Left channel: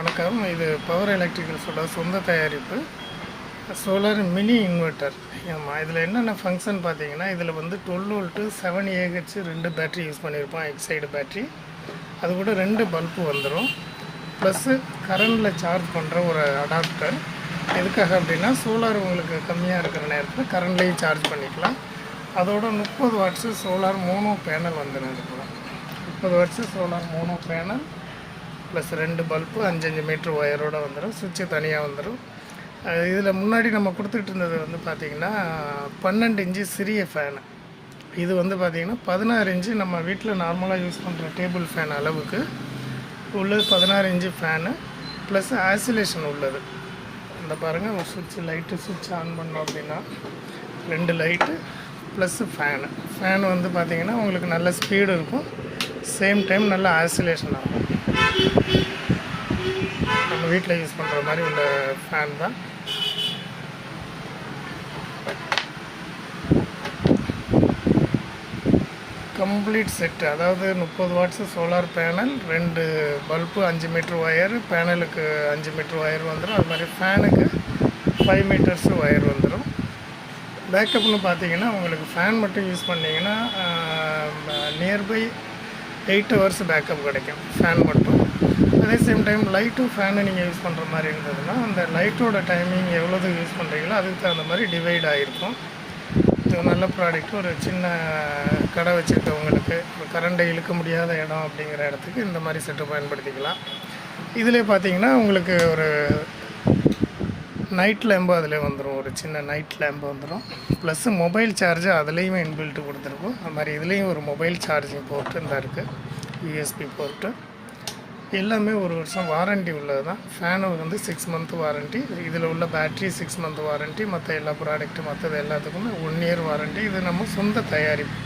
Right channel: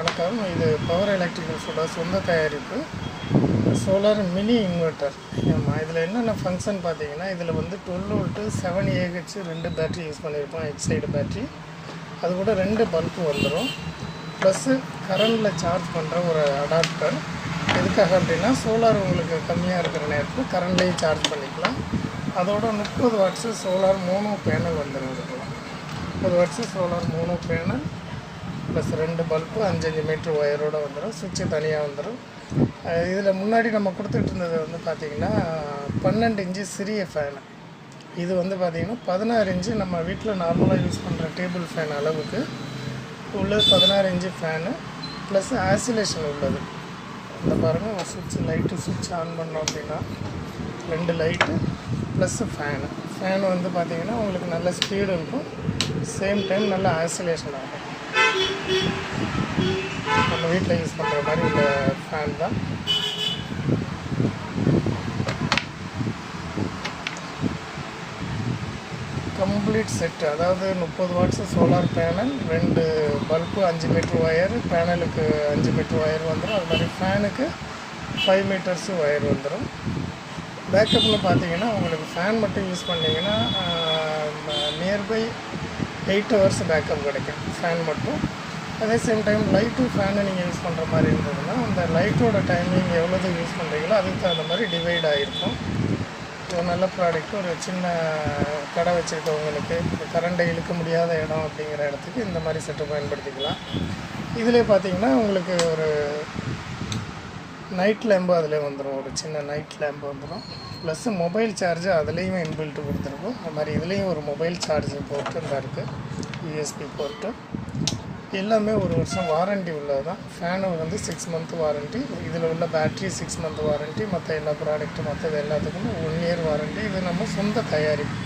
வணக்கம். இது பவர் எலக்ட்ரிக்கல்ஸோட சொந்த தயாரிப்பு சோலார் மினி இன்வெர்ட்டர். ஆமாம், இதில் என்னென்ன ஃபங்க்ஷன் பார்த்தீங்கன்னா, இதில் வந்து 12 வோல்ட்டு 7Ah 2 பேட்ரி யூஸ் பண்ணியிருப்போம். எக்ஸைடு பேட்ரி, அது கூட 2 பல்பு வந்துடும். ப்ளஸ்ஸு கரண்டில் சார்ஜ் பண்ணுற ஒரு அடாப்டர். எதுக்காக அப்படின்னா, சோலார் உங்களுக்கு கம்மியாக இருக்கிற நேரத்தில் கரண்ட்லேயே சார்ஜ் பண்ணிக்கலாம். அதோட 30 வாட்ஸு சோலார் மோனோ பேனல் வந்துடும். அதுக்கு 30 watts solar mono panel plus 2 bulb 5 metre ஒயரோடு வந்துடும். சுவிட்சு தனியாக வந்துடும். இதில் முன்னாடி நம்ம கொடுத்துட்டு இருந்தது வந்து பார்த்திங்கன்னா 12 இன்ச்சு சிறிய ஃபேனு. இது வந்து பார்த்திங்கன்னா 16 இன்ச்சு நம்ம வீட்டில் நார்மலாக யூஸ் பண்ணுற டேபிள் ஃபேன் அளவுக்கு உள்ள 16 இன்ச்சு ஃபேனு ப்ளஸ் ஆசிலேஷன் உள்ளது. இந்த பாருங்கள், ஒரு சுவிட்ச் ஆன் பண்ணோம் அப்படின்னா 2 லைட்டு ப்ளஸ்ஸு ஃபேனு வந்து பார்த்திங்கன்னா உங்களுக்கு நல்ல ஸ்பீடு இருக்கும். சேம் டைம் நல்ல ஆசிலேஷன் ஆகும். நம்ம வீட்டில் யூஸ் பண்ணுற மாதிரி உள்ள ஃபேன் தான். கம்ப்ளீட் செட்டு, அதாவது 30 watts solar panel, 2 bulb 5 metre wire, பேனலுக்கு 5 மீட்ரு ஒயர் வந்துடும். அது மாதிரி ஃபேனுக்கு 5 மீட்டர்ஸு ஒயர் வந்துடும். பேக்கப்னு பார்த்தீங்கன்னா, உங்களுக்கு ஃபேன் மட்டும் யூஸ் பண்ணிங்கன்னா நியர்பை 8 ஹவர்ஸ் பேக்கப் கிடைக்கும் ஃபேன் மட்டும். அதே சேம் டைம் லைட்டும் ஃபேனு நீங்கள் யூஸ் பண்ணுற மாதிரி இருந்ததுன்னா, அந்த லைட்டோட டைமிங் எவ்வளோது யூஸ் பண்ணுறீங்களோ அதுக்கு தகுந்த மாதிரி டிவைட் ஆகிருக்கும். நல்ல ப்ராடக்ட். ஒரு சின்ன கடை வச்சுருக்கவங்களுக்கு, இப்போ கரண்டை இழுக்க முடியாத இடம் அப்படிங்கிற இடத்துக்கு இந்த மாதிரி செட்டை பயன்படுத்திக்கலாம். இதிலே பார்த்தீங்கன்னா உங்களுக்கு ஒரு நைட் லேம்பு அதில் வந்துடும். ஒரு சின்ன நைட் லேம்பு வந்துடும். ப்ளஸ்ஸு மொபைல் சார்ஜு அதுலேயுமே இன்பில்ட்டு கொடுத்துருக்கோம். அது மாதிரி இதுலேயும் ஒரு மொபைல் சார்ஜிங் போர்ட்டு இந்த இருக்குது, யூஎஸ்பி போர்ட்டு. எல்லாமே 1 வருஷம் வாரண்ட்டி உள்ளது தான். ஃபேனு வந்து 6 மந்த் வாரண்ட்டி. இதில் உள்ள பேட்ரி 6 மந்த் வாரண்ட்டி. மற்ற எல்லா ப்ராடக்ட்டு மற்றது எல்லாத்துக்குமே 1 இயர் வாரண்ட்டி. இது நம்ம சொந்த தயாரிப்பு.